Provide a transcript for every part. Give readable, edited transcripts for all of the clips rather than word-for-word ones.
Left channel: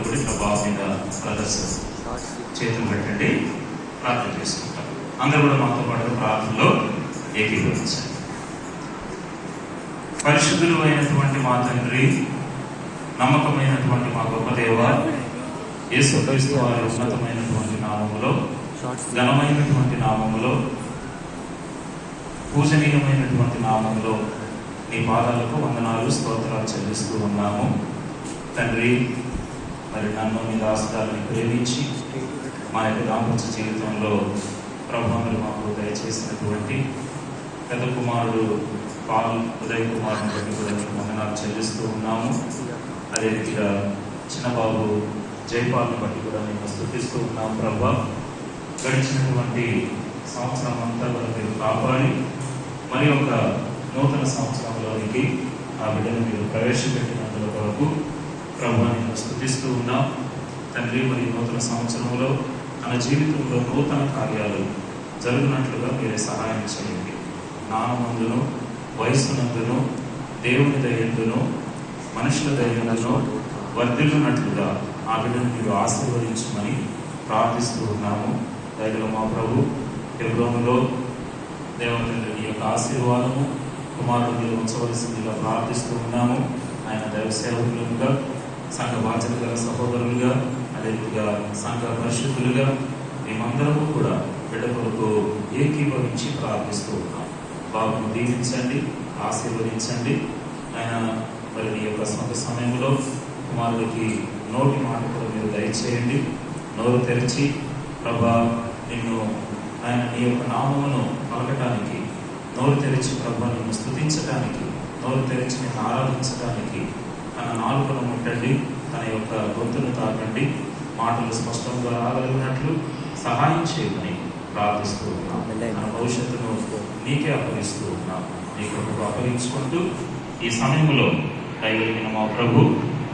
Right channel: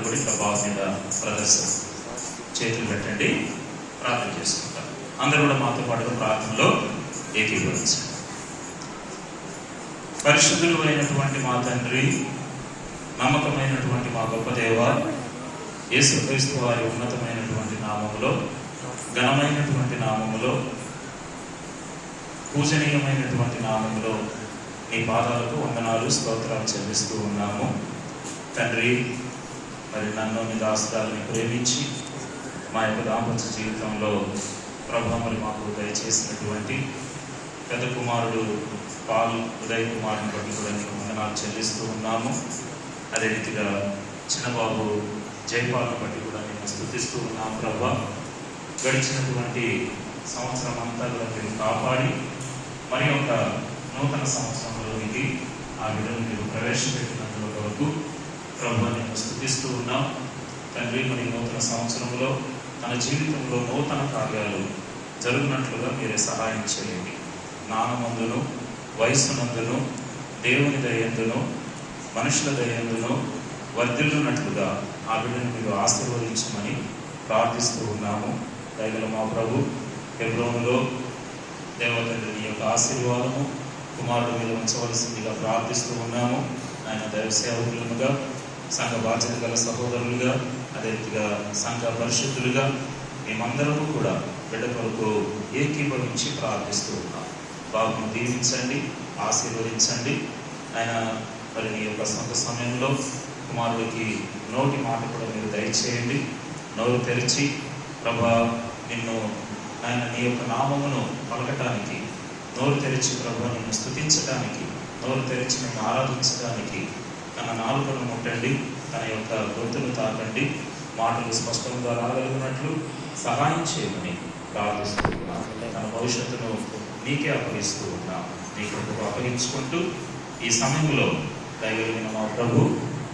అందరూ కూడా ప్రభావం మీద ప్రదర్శన చేతులు పెట్టండి, ప్రార్థన చేసుకుంటాం. అందరూ కూడా మాతో పాటు ప్రార్థనలో ఏకీభవించండి. పరిశుద్ధులు అయినటువంటి మా తండ్రి, నమ్మకమైనటువంటి మా గొప్ప దేవ, యేసుక్రీస్తు వారి ఉన్నతమైనటువంటి నామములో, ఘనమైనటువంటి నామములో, పూజనీయమైనటువంటి నామములో నీ పాదాలకు వందనాలు, స్తోత్రాలు చెల్లిస్తూ ఉన్నాము. తండ్రి, మరి నన్ను మీ దాసురాలని ప్రేమించి మా యొక్క దాంపత్య జీవితంలో ప్రభావాలు మాకు దయచేసినటువంటి పెద్ద కుమారుడు పాల్ ఉదయ్ కుమార్ని బట్టి కూడా నీకు వందనాలు చెల్లిస్తూ ఉన్నాము. అదే రీతిగా చిన్నబాబు జయపాల్ని బట్టి కూడా మేము స్తుతిస్తూ ఉన్నాము. ప్రభా, గడిచినటువంటి సంవత్సరం అంతా మీరు కాపాడి మరి ఒక నూతన సంవత్సరంలోనికి ఆ బిడ్డను మీరు ప్రవేశపెట్టినందుల వరకు ప్రభు నేను స్తుతిస్తూ ఉన్నాం. తండ్రి, మరి నూతన సంవత్సరంలో తన జీవితంలో నూతన కార్యాలు జరుగునట్లుగా మీరే సహాయం చేయండి. జ్ఞానమందును, వయస్సునందును, దేవుని దయందును, మనుషుల దయందును వర్ధిల్లునట్లుగా ఆ బిడ్డను మీరు ఆశీర్వదించమని ప్రార్థిస్తూ ఉన్నాము. దయగల మా ప్రభు, హెబ్రోనులో దేవతండ్రి యొక్క ఆశీర్వాదము కుమారుడు మీద ఉంచవలసిందిగా ప్రార్థిస్తూ ఉన్నాము. ఆయన దైవ సేవకులుగా, సంఘ బాధ్యత గల సహోదరులుగా, అదే రీతిగా సంఘ పరిశుద్ధులుగా మేమందరము కూడా బిడ్డ కొరకు ఏకీభవించి ప్రార్థిస్తూ ఉన్నాం. బాబును దీవించండి, ఆశీర్వదించండి. ఆయన మరి నీ యొక్క సొంత సమయంలో కుమారుడికి నోటి మాట కూడా మీరు దయచేయండి. నోరు తెరిచి ప్రభా నిన్ను ఆయన నీ యొక్క నామమును పలకటానికి, నోరు తెరిచి ప్రభు నిన్ను స్తుతించడానికి, నోరు తెరిచి నిన్ను ఆరాధించడానికి తన నాలుకను ముట్టండి, తన యొక్క గొంతును తాకండి, మాటలు స్పష్టంగా రాగలిగినట్లు సహాయం చేయమని ప్రార్థిస్తూ ఉన్నాం. తన భవిష్యత్తును నీకే అప్పగిస్తూ ఉన్నాం. నీ కృపకు అప్పగించుకుంటూ ఈ సమయంలో దైవమైన మా ప్రభు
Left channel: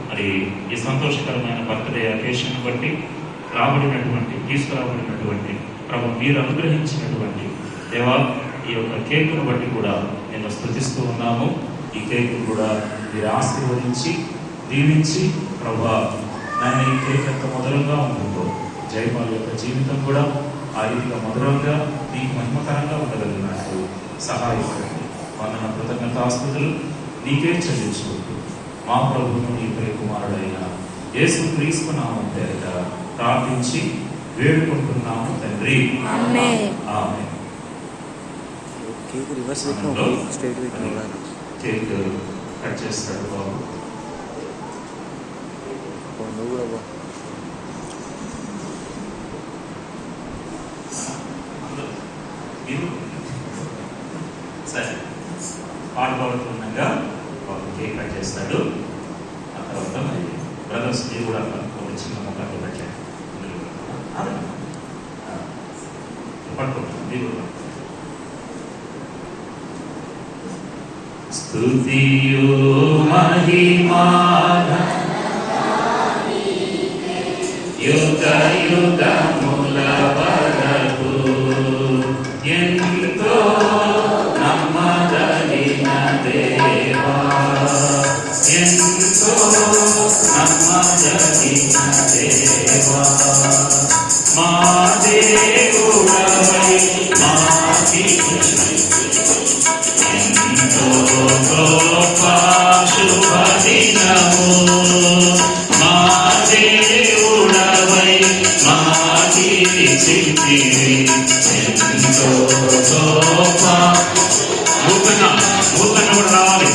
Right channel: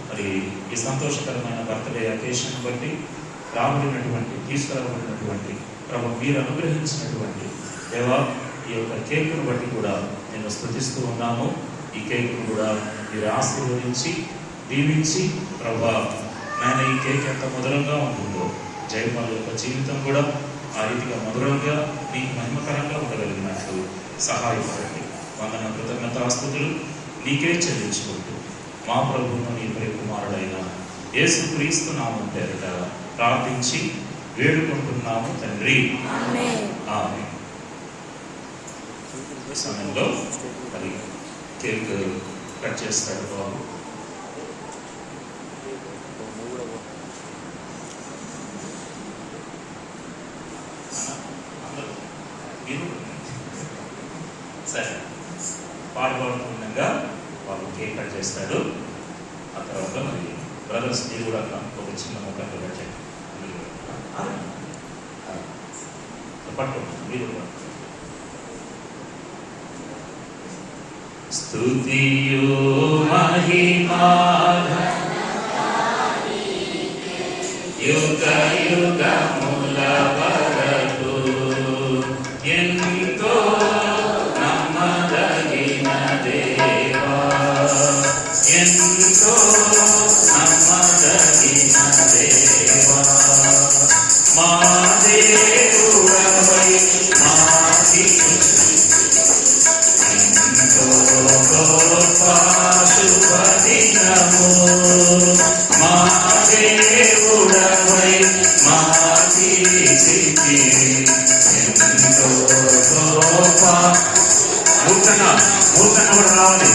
మరి ఈ సంతోషకరమైన బర్త్డే అకేషన్ బట్టి తీసుకురాబడినటువంటి ప్రభు మీరు అనుగ్రహించినటువంటి దేవా ఈ యొక్క కేకును బట్టి కూడా నేను స్తుతిస్తూ ఉన్నాము. ఈ కేకు కూడా మీరు ఆశీర్వదించి దీవించి ప్రభా నేను ఈ కేక్ ఎంత మధురంగా ఉంటుందో జయపాల్ యొక్క జీవితం కూడా ఆ రీతిగా మధురంగా మీకు మహిమకరంగా ఉండగలిగినట్లు సహాయపడండి. వందన కృతజ్ఞతాస్తుతులు నీకే చెల్లించుకుంటూ మా ప్రభువును నీ ప్రియ కుమారుడైన యేసుక్రీస్తు నామం పేరిట ప్రార్థించి వేడుకుంటున్నాము తండ్రి, ఆమేన్. కేక్ కట్ చేస్తాడు బాబు. సరే, పాడుకోవడంగా బాబు కేక్ కట్ చేస్తాడు. ఆ తర్వాత మరి బ్రదర్స్ మీరు కూడా ఒక చిన్న మొక్కలు పెట్టండి. పట్టుకోండి మీరు. స్తుతియు మహిమా యుగ యుగముల వరకు ఎంతో నమ్మదగిన దేవా, ఎంతో నమ్మదగిన దేవా, మా దేవుడవై మాకి ఎంతో గొప్ప శుభదినము, మా దేవుడవై మాకి చిత్తివి ఎంతో గొప్ప. మూకన్నా కూడా రావాలి.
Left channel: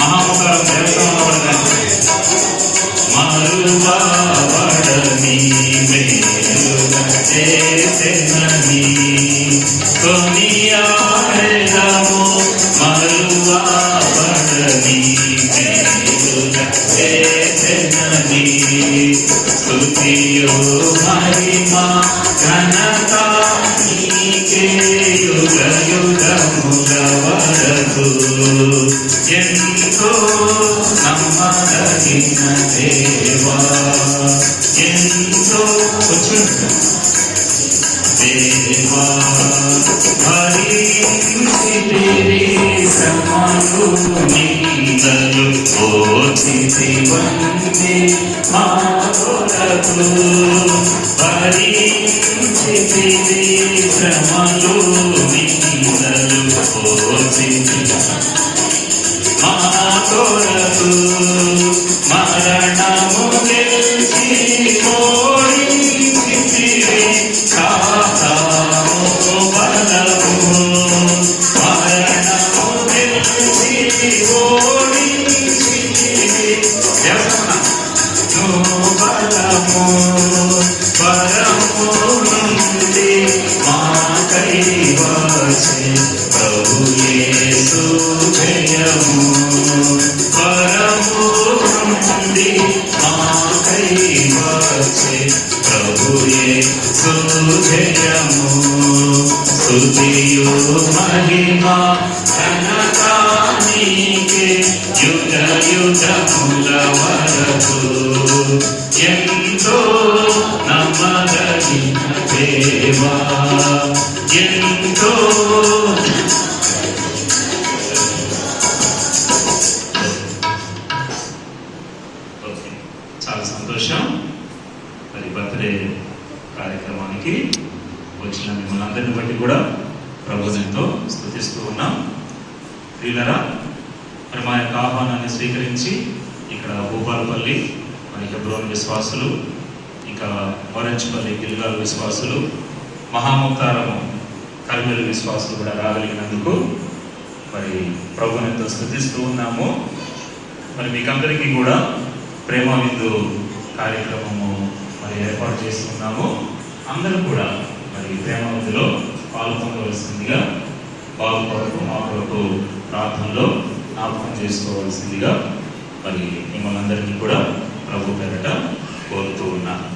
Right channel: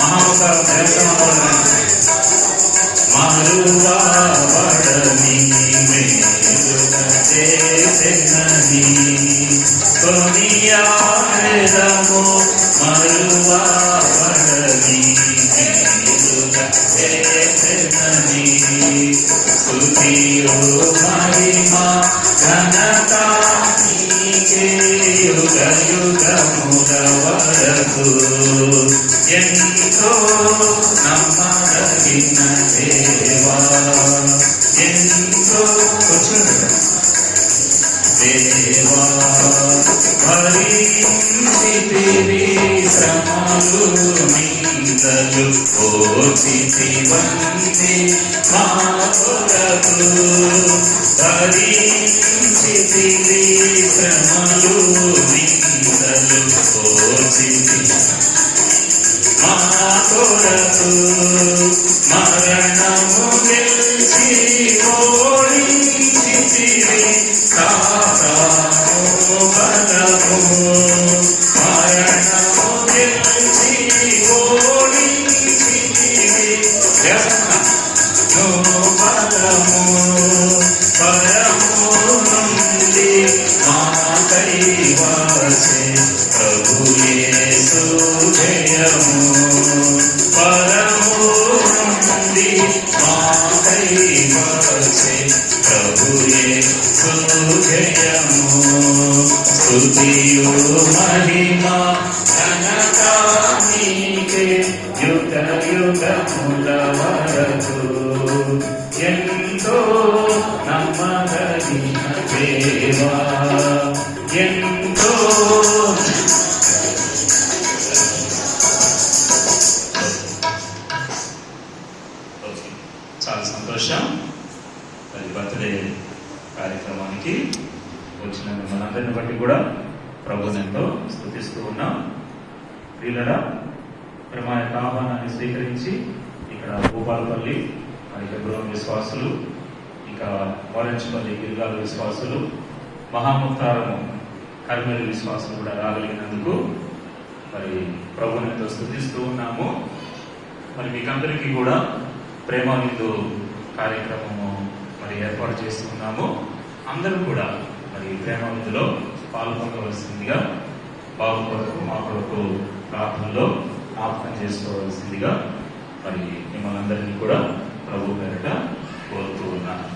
మహావతారం మరువాడని చేసెనని కొనియాడెదము, మరువాడని చేసెనని స్తుతియు మహిమా ఘనత నీకే యుగ యుగముల వరకు ఎంతో నమ్మదగిన దేవా ఎంతో దేవా భరించితివి శ్రమలు నిందలు ఓర్చితివంది మా కొరకు భరించితివి శ్రమలు నిందలు ఓర్చితివి మా కొరకు మరణము గెలిచి ఓడించితివి సాతాను బలము మరణము గెలిచి ఓడించితివి నువ్వు బలము పరము నుండి మాకై వచ్చే ప్రభు యేసు జయము పరము నుండి మాకై వచ్చే ప్రభు యేసు జయము స్తుతియు మహిమా ఘనత నీకే యుగ యుగముల వరకు ఎంతో నమ్మదగిన దేవా ఎంతో చాలా సంతోషం. మరి బర్త్డే కార్యక్రమానికి వచ్చిన మిమ్మల్ని అందరిని బట్టి కూడా ప్రభువుని ఎంతో స్తుతిస్తూ ఉన్నాం. వీళ్ళరా మరి మా యొక్క ఆహ్వానాన్ని స్వీకరించి ఇక్కడ భూపాలపల్లి మరి హెబ్రోన్ విశ్వాసులు, ఇంకా వరంచపల్లి గిల్గాల విశ్వాసులు, మహాముక్తారము కర్మేలు విశ్వాసులు కూడా రాగలిగినందుకు మరి ప్రభువుని ఎంతో స్తుతిస్తూ ఉన్నాము. మరి మీకందరికీ కూడా ప్రేమ విందు కార్యక్రమము మరి ఏర్పాటు చేస్తున్నాము. అందరూ కూడా మరి ప్రేమ విందులో పాల్గొనవలసిందిగా బాబు కొరకు మా కొరకు ప్రార్థనలో జ్ఞాపకం చేసుకోవాల్సిందిగా మరి మిమ్మల్ని అందరినీ కూడా ప్రభు పేరట కోరుతూ ఉన్నాను.